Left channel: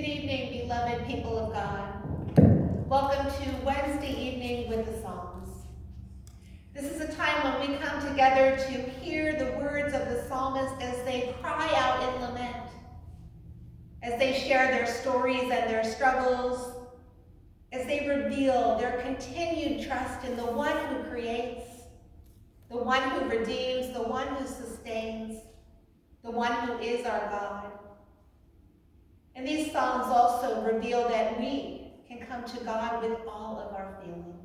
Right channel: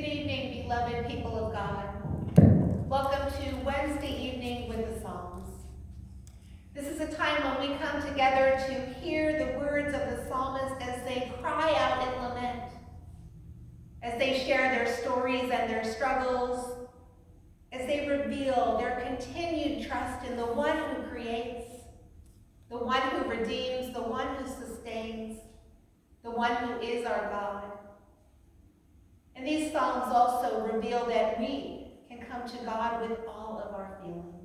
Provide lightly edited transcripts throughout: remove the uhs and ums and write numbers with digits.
Good evening, beloved people of God. Welcome to Wednesday evening with the Psalms. This is a time when we come together to hear the words of the psalmist as they cry out in lament, as they share their stories and their struggles, as they reveal their continued trust in the one who creates, the one who redeems, the one who sustains, the one who is our God. And these Psalms also reveal that we can come to God with all of our feelings.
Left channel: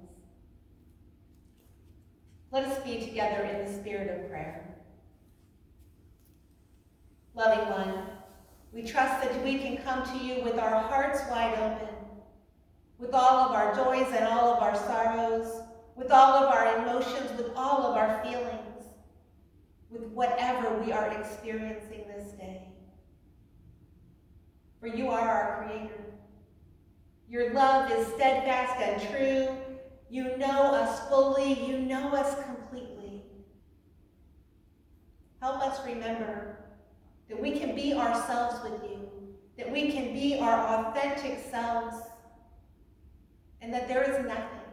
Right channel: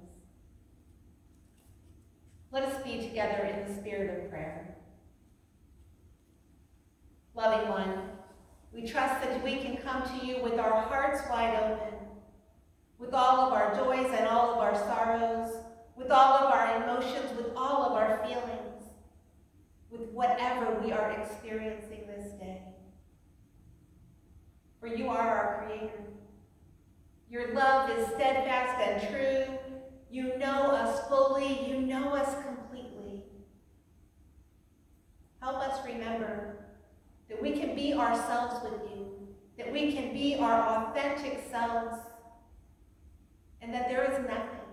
Let us be together in the spirit of prayer. Loving one, we trust that we can come to you with our hearts wide open, with all of our joys and all of our sorrows, with all of our emotions, with all of our feelings, with whatever we are experiencing this day. For you are our Creator. Your love is steadfast and true. You know us fully. You know us completely. Help us remember that we can be ourselves with you, that we can be our authentic selves, and that there is nothing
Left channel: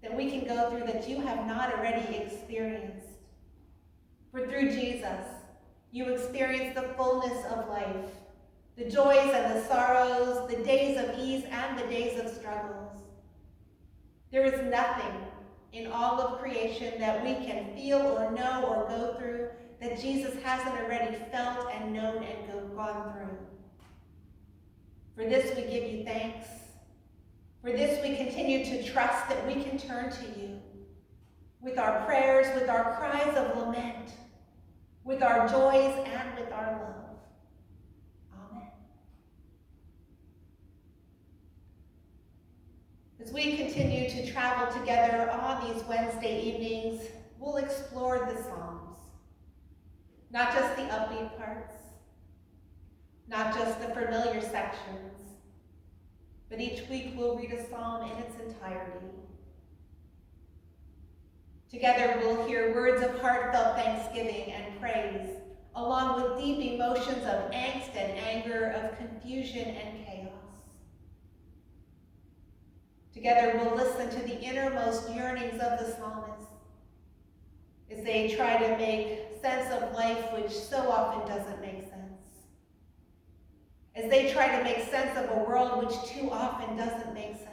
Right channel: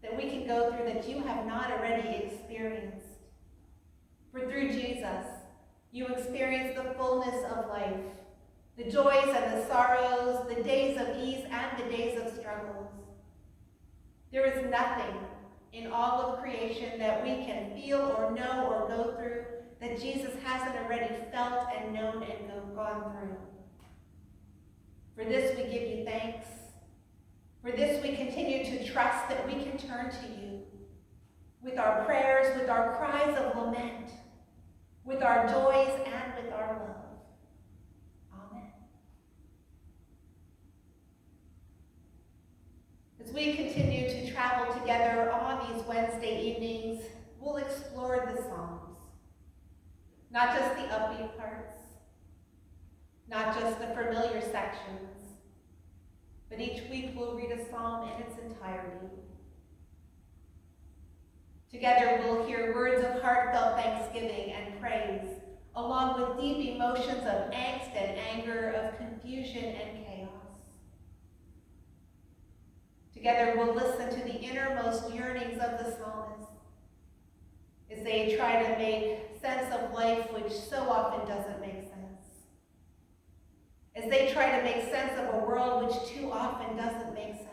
that we can go through that you have not already experienced. For through Jesus, you experience the fullness of life, the joys and the sorrows, the days of ease and the days of struggles. There is nothing in all of creation that we can feel or know or go through that Jesus hasn't already felt and known and gone through. For this we give you thanks. For this we continue to trust that we can turn to you with our prayers, with our cries of lament, with our joys and with our love. As we continue to travel together on these Wednesday evenings, we'll explore the Psalms. Not just the upbeat parts, not just the familiar sections, but each week we'll read a psalm in its entirety. Together we'll hear words of heartfelt thanksgiving and praise, along with deep emotions of angst and anger, of confusion and chaos. Together we'll listen to the innermost yearnings of the psalmist as they try to make sense of life which so often doesn't make sense. As they try to make sense of a world which too often doesn't make sense.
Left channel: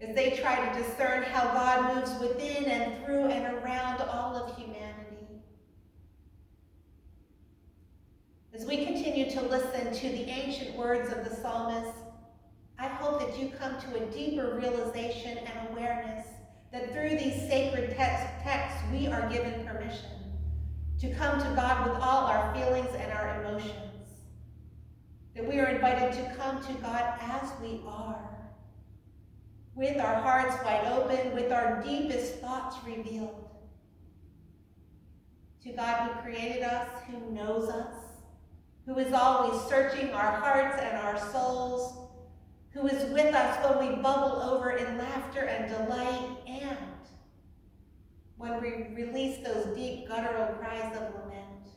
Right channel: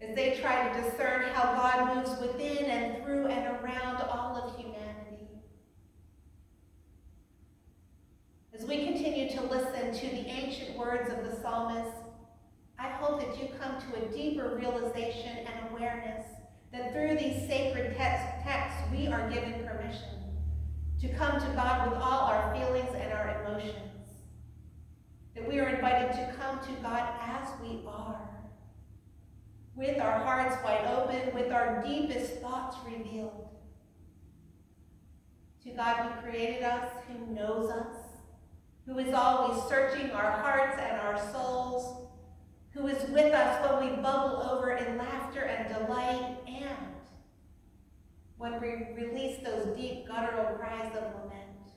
As they try to discern how God moves within and through and around all of humanity. As we continue to listen to the ancient words of the psalmist, I hope that you come to a deeper realization and awareness that through these sacred texts we are given permission to come to God with all our feelings and our emotions. That we are invited to come to God as we are, with our hearts wide open, with our deepest thoughts revealed. To God who created us, who knows us, who is always searching our hearts and our souls, who is with us when we bubble over in laughter and delight, and when we release those deep guttural cries of lament.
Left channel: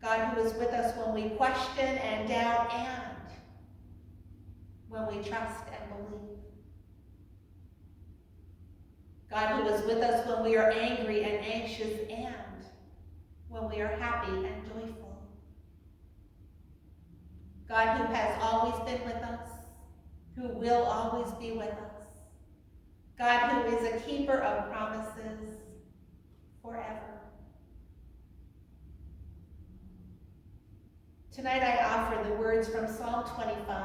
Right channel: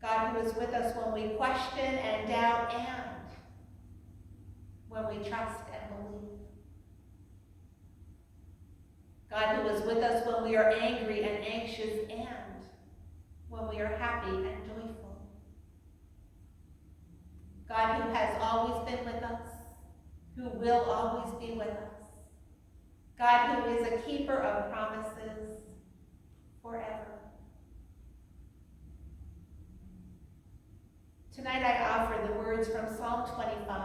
God who is with us when we question and doubt, and when we trust and believe. God who is with us when we are angry and anxious, and when we are happy and joyful. God who has always been with us, who will always be with us. God who is a keeper of promises forever. Tonight I offer the words from Psalm 25,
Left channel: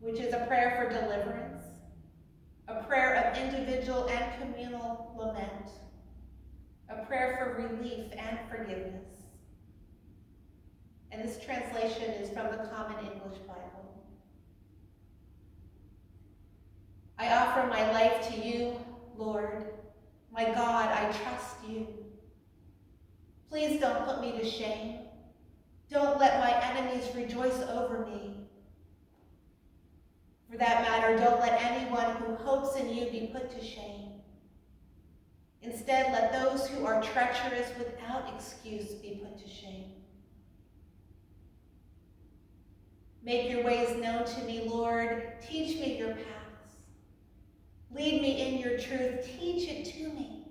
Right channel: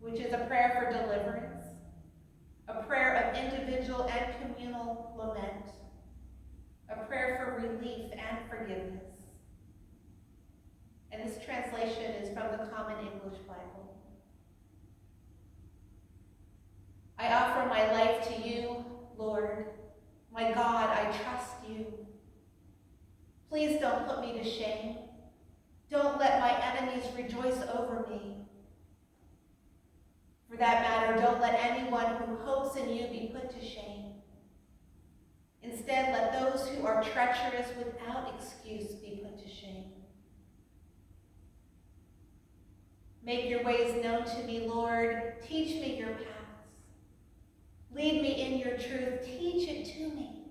which is a prayer for deliverance, a prayer of individual and communal lament, a prayer for relief and forgiveness. And this translation is from the Common English Bible. I offer my life to you, Lord. My God, I trust you. Please don't put me to shame. Don't let my enemies rejoice over me. For that matter, don't let anyone who hopes in you be put to shame. Instead, let those who are treacherous without excuse be put to shame. Make your ways known to me, Lord. Teach me your paths. Lead me in your truth. Teach it to me,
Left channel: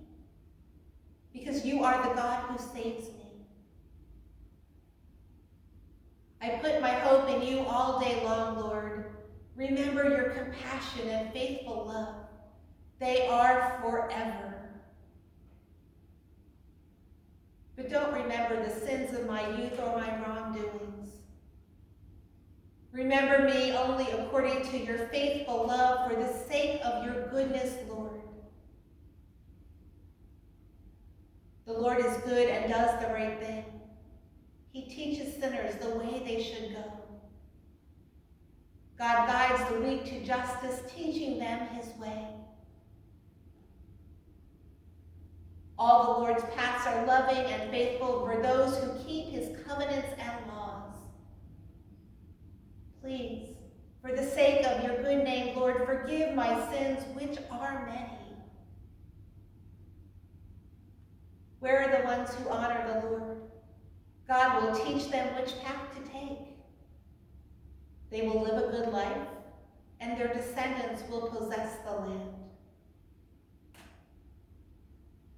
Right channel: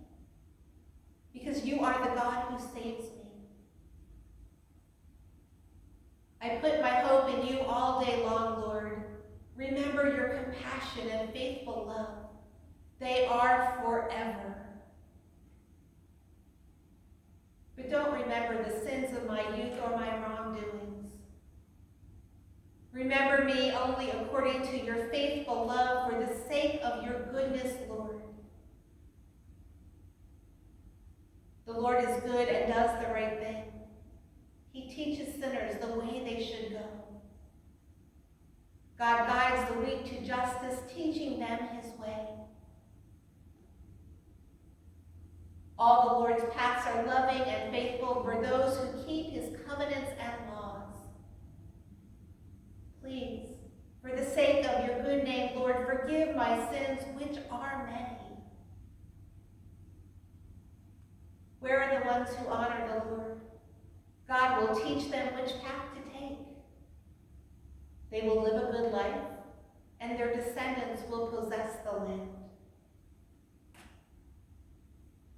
because you are the God who saves me. I put my hope in you all day long, Lord. Remember your compassion and faithful love. They are forever. But don't remember the sins of my youth or my wrongdoings. Remember me only according to your faithful love for the sake of your goodness, Lord. The Lord is good and does the right thing. He teaches sinners the way they should go. God guides the weak to justice, teaching them his way. All the Lord's paths are loving and faithful for those who keep his covenants and laws. Please, for the sake of your good name, Lord, forgive my sins, which are many. Where are the ones who honor the Lord? God will teach them which path to take. They will live a good life, and their descendants will possess the land.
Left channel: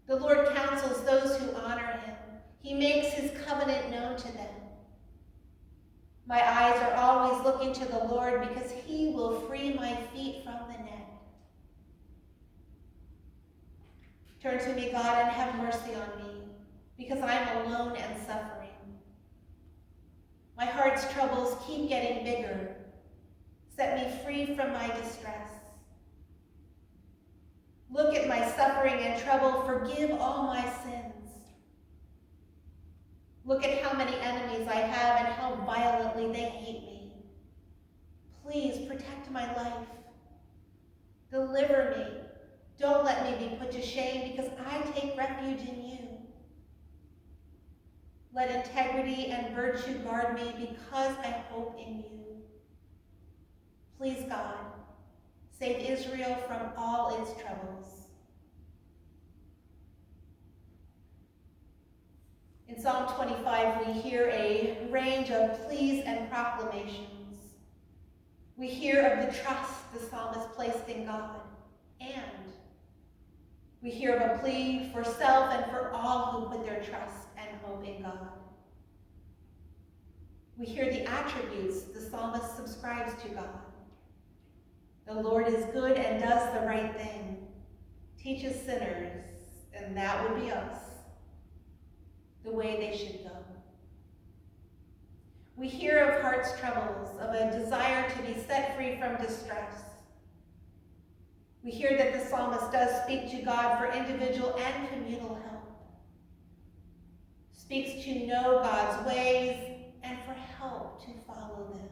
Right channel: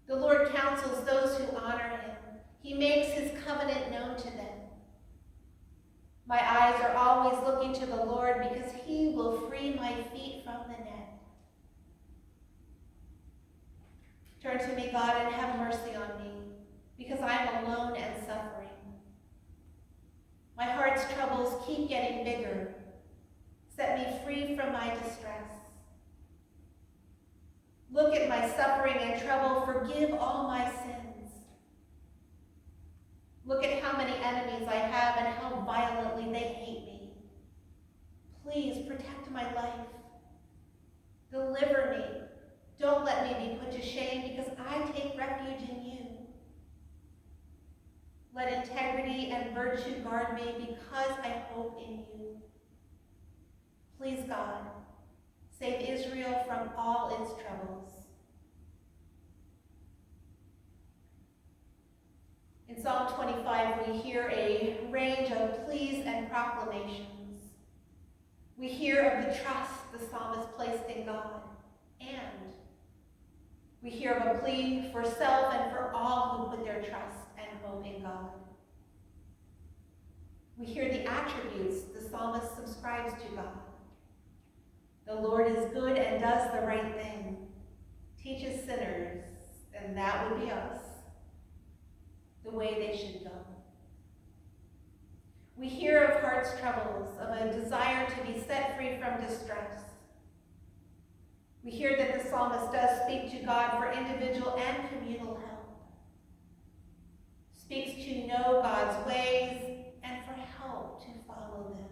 The Lord counsels those who honor him. He makes his covenant known to them. My eyes are always looking to the Lord, because he will free my feet from the net. Turn to me, God, and have mercy on me, because I am alone and suffering. My heart's troubles keep getting bigger. Set me free from my distress. Look at my suffering and trouble. Forgive all my sins. Look at how many enemies I have and how violently they hate me. Please protect my life. Deliver me. Don't let me be put to shame, because I take refuge in you. Let integrity and virtue guard me, because I hope in you. Please, God, save Israel from all its troubles. In Psalm 25, we hear a range of pleas and proclamations. We hear of the trust the psalmist placed in God, and we hear of a plea for self and for all who put their trust and hope in God. We hear the attributes the psalmist subscribes to God. The Lord is good and does the right thing, teaches sinners, and that would be us, the way they should go. We hear of heart's troubles, of a desire to be set free from distress. We hear that the psalmist does speak to God for individual and communal help, speaks to know God's ways and for help to follow them.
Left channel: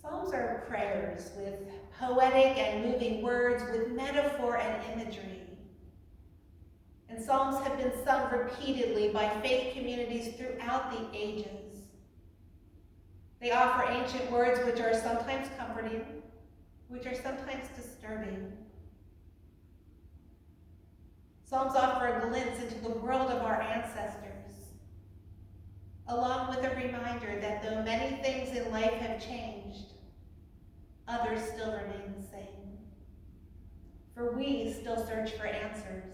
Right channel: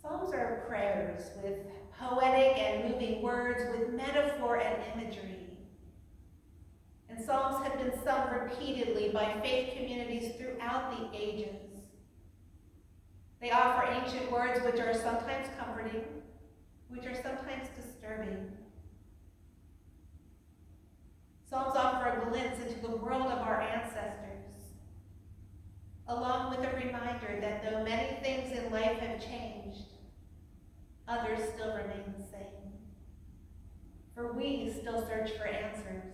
Psalms are prayers with poetic and moving words, with metaphor and imagery. And psalms have been sung repeatedly by faith communities throughout the ages. They offer ancient words which are sometimes comforting, which are sometimes disturbing. Psalms offer a glimpse into the world of our ancestors, along with a reminder that though many things in life have changed, others still remain the same. For we still search for answers.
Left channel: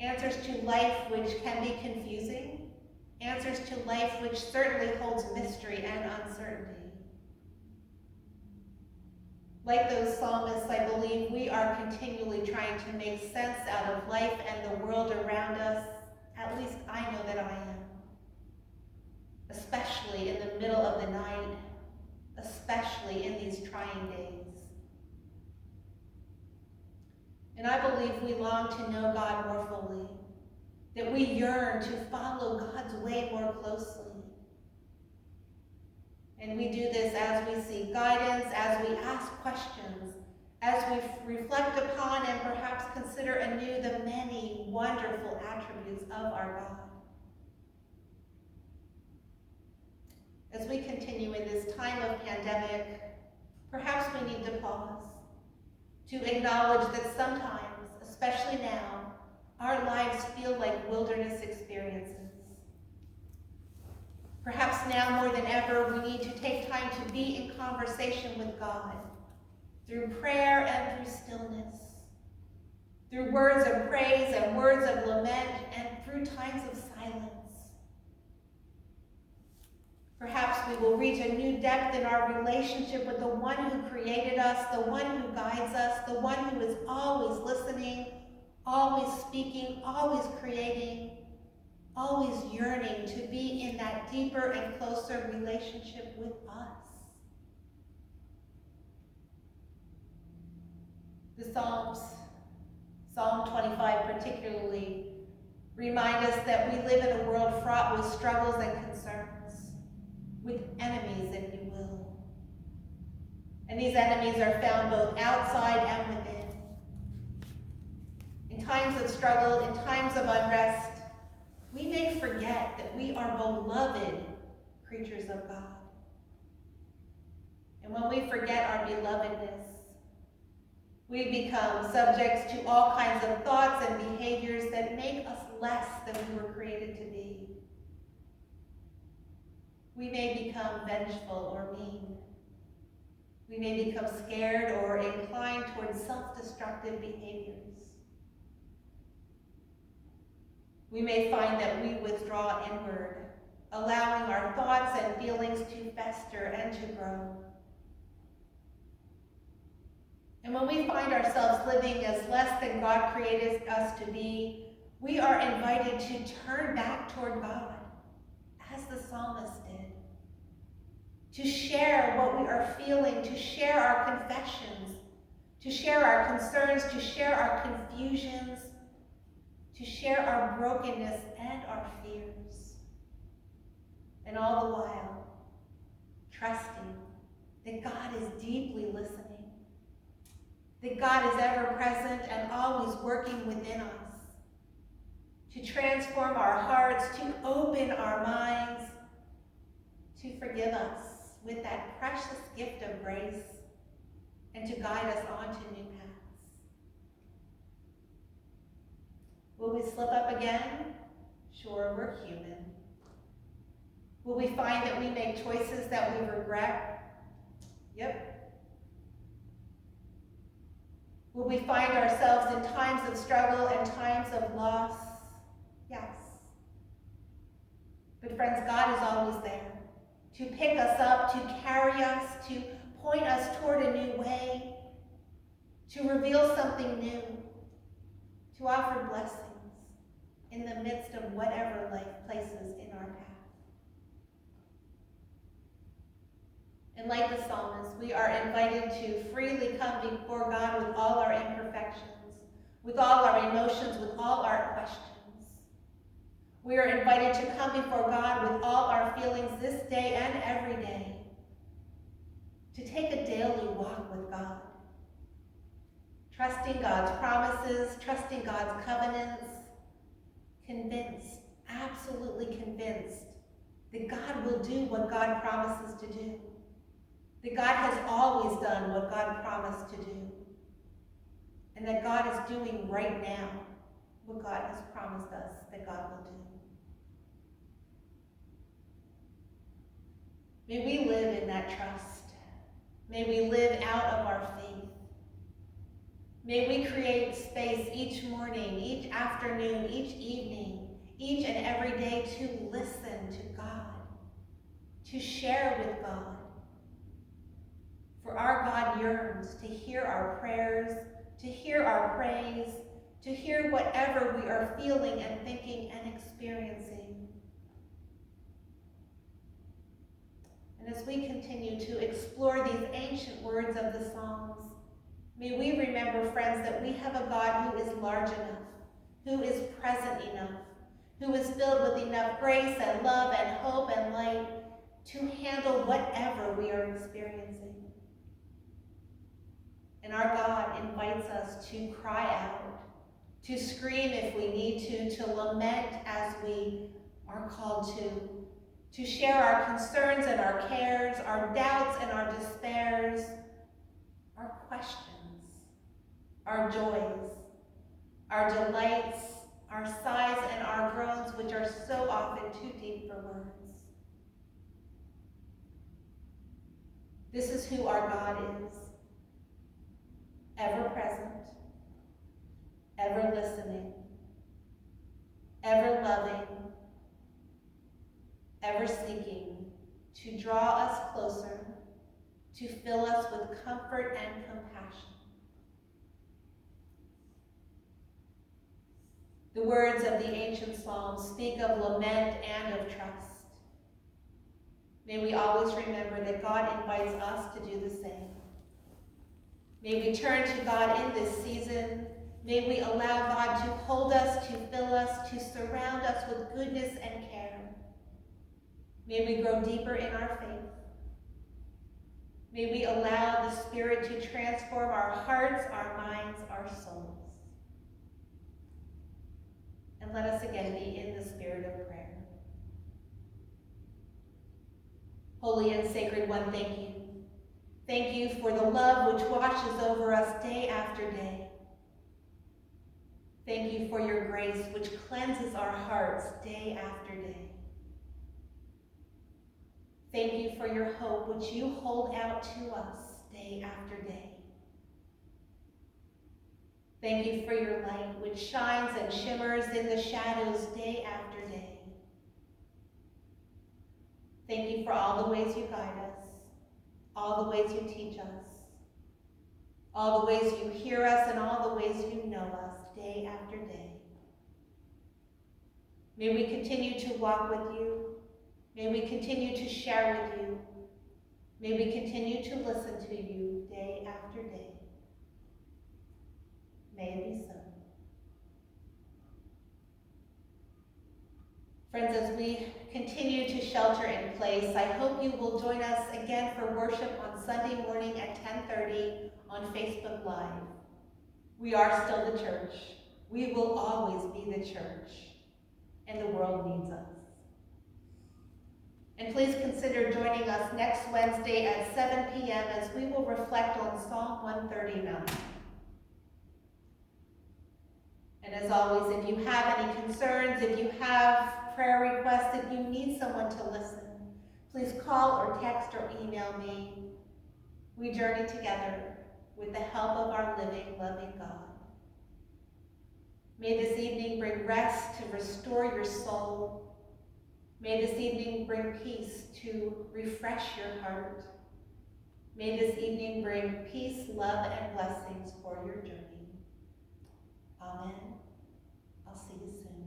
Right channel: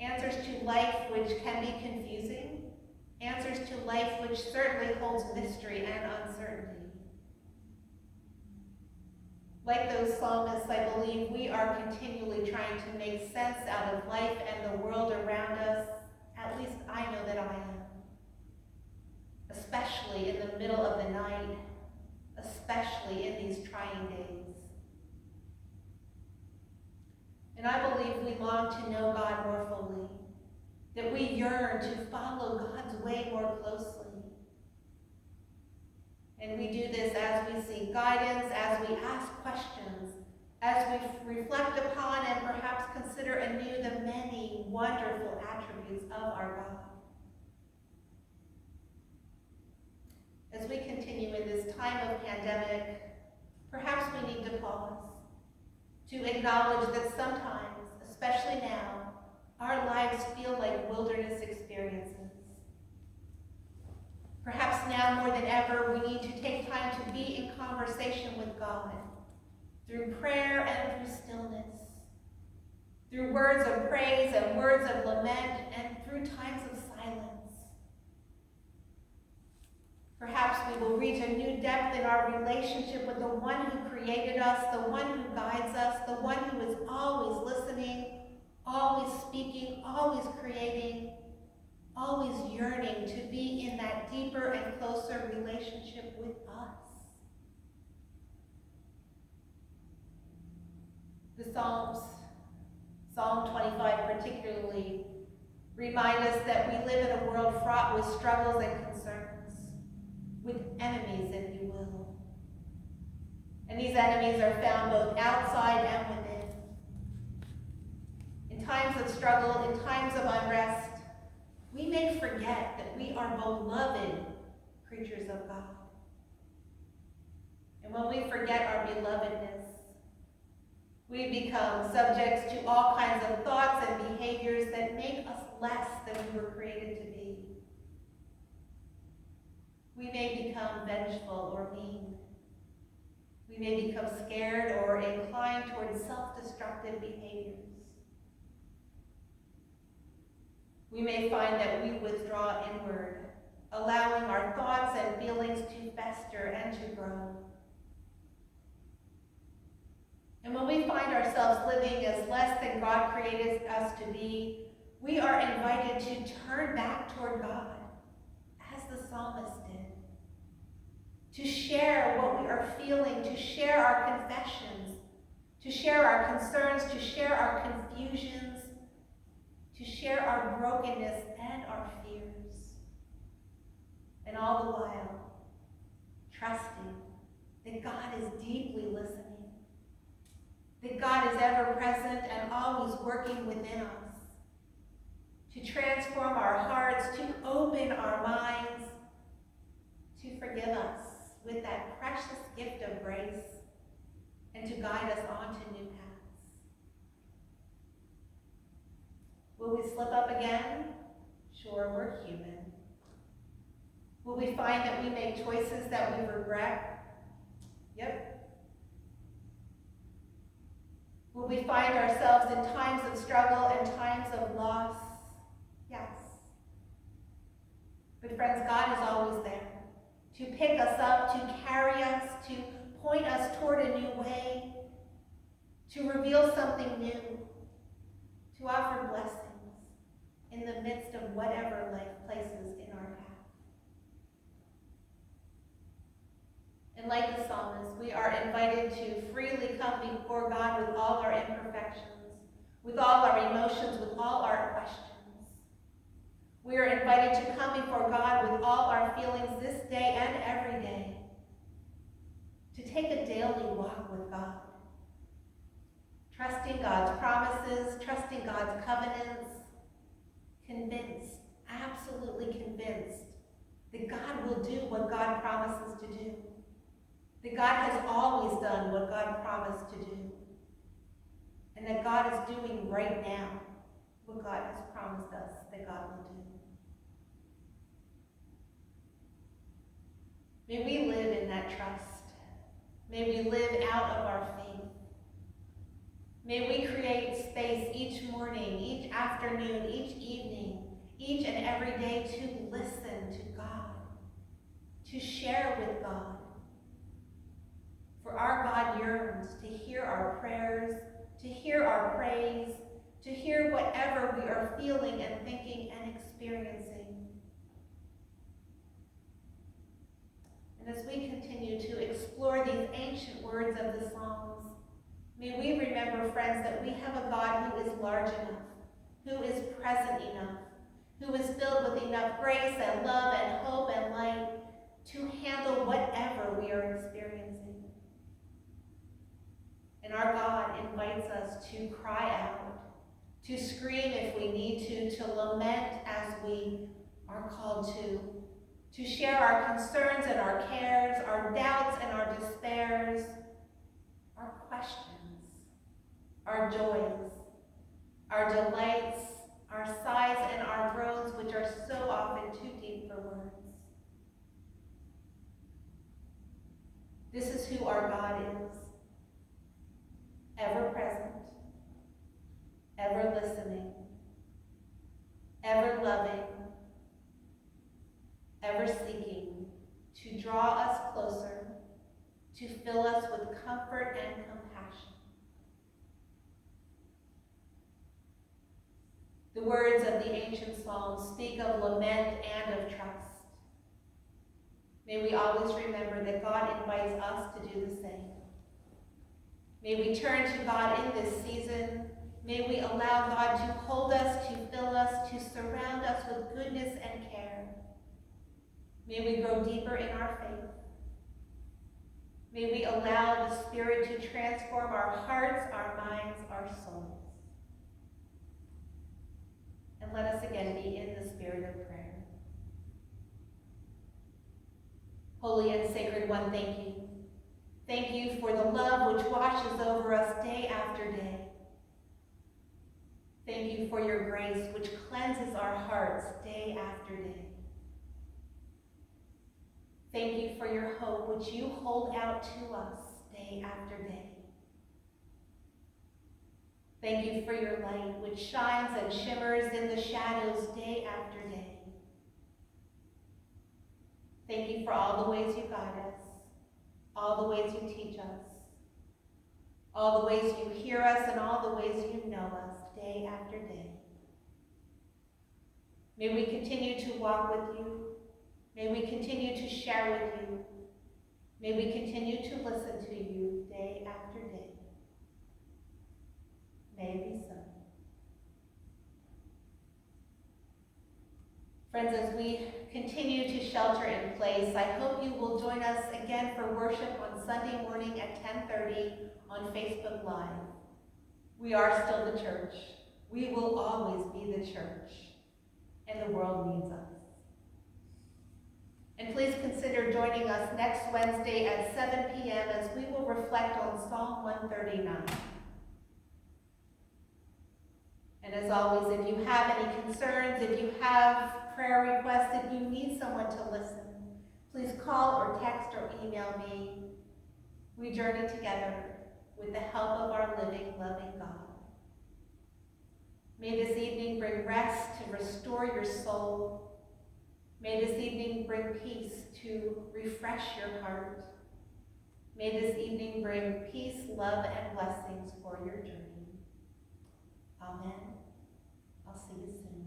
Answers to life which can be confusing, answers to life which certainly holds mystery and uncertainty. Like those psalmists, I believe we are continually trying to make sense out of life and the world around us. At least I know that I am. Especially in the middle of the night, especially in these trying days. And I believe we long to know God more fully, that we yearn to follow God's way more closely. And we do this as we seek guidance, as we ask questions, as we reflect upon and perhaps consider anew the many wonderful attributes of our God. As we continue in this time of pandemic, perhaps we need to pause, to acknowledge that sometimes, especially now, our lives feel like wilderness experiences. Perhaps now more than ever, we need to take time to be in conversation with God through prayer and through stillness, through words of praise and words of lament, and through times of silence. Perhaps we will reach a new depth in our relationship with the one who created us, the one who guides us, the one who is always listening, always speaking, always creating, always yearning to be in that deeper and closer relationship with us. The Psalms, Psalm 25 particularly, remind us that we live in a world fraught with struggles and concerns, with enemies, if you will. And these enemies are found both outside and within. In times of struggle, in times of unrest, we may forget that we are beloved creatures of God. And when we forget our belovedness, we become subjects to all kinds of thoughts and behaviors that make us less than we were created to be. We may become vengeful or mean. We may become scared or inclined towards self-destructive behaviors. We may find that we withdraw inward, allowing our thoughts and feelings to fester and to grow. And when we find ourselves living as less than God created us to be, we are invited to turn back toward God, as the psalmist did. To share what we are feeling, to share our confessions, to share our concerns, to share our confusions, to share our brokenness and our fears. And all the while, trusting that God is deeply listening, that God is ever present and always working within us to transform our hearts, to open our minds, to forgive us with that precious gift of grace, and to guide us on to new paths. Will we slip up again? Sure, we're human. Will we find that we make choices that we regret? Yep. Will we find ourselves in times of struggle and times of loss? Yes. But friends, God is always there to pick us up, to carry us, to point us toward a new way, to reveal something new, to offer blessings in the midst of whatever life places in our path. And like the psalmist, we are invited to freely come before God with all our imperfections, with all our emotions, with all our questions. We are invited to come before God with all our feelings this day and every day, to take a daily walk with God, trusting God's promises, trusting God's covenants, convinced, absolutely convinced that God will do what God promises to do, that God has always done what God promised to do, and that God is doing right now what God has promised us that God will do. May we live in that trust. May we live out of our faith. May we create space each morning, each afternoon, each evening, each and every day to listen to God, to share with God. For our God yearns to hear our prayers, to hear our praise, to hear whatever we are feeling and thinking and experiencing. And as we continue to explore these ancient words of the Psalms, may we remember, friends, that we have a God who is large enough, who is present enough, who is filled with enough grace and love and hope and light to handle whatever we are experiencing. And our God invites us to cry out, to scream if we need to lament as we are called to share our concerns and our cares, our doubts and our despairs, our questions, our joys, our delights, our sighs, and our groans, which are so often too deep for words. This is who our God is, ever present, ever listening, ever loving, ever seeking to draw us closer, to fill us with comfort and compassion. The words of the ancient Psalms speak of lament and of trust. May we always remember that God invites us to do the same. May we turn to God in this season. May we allow God to hold us, to fill us, to surround us with goodness and care. May we grow deeper in our faith. May we allow the Spirit to transform our hearts, our minds, our souls. And let us again be in the spirit of prayer. Holy and Sacred One, thank you. Thank you for the love which washes over us day after day. Thank you for your grace which cleanses our hearts day after day. Thank you for your hope which you hold out to us day after day. Thank you for your light which shines and shimmers in the shadows day after day. Thank you for all the ways you guide us, all the ways you teach us, all the ways you hear us, and all the ways you know us day after day. May we continue to walk with you. May we continue to share with you. May we continue to listen to you day after day. May it be so. Friends, as we continue to shelter in place, I hope you will join us again for worship on Sunday morning at 10:30 on Facebook Live. We are still the church. We will always be the church, and the world needs us. And please consider joining us next Wednesday at 7 p.m. as we will reflect on Psalm 139. And as always, if you have any concerns, if you have prayer requests, if you need someone to listen, please call or text or email me. We journey together with the help of our living, loving God. May this evening bring rest to restore your soul. May this evening bring peace to refresh your heart. May this evening bring peace, love, and blessings for your journey. Amen. I'll see you soon.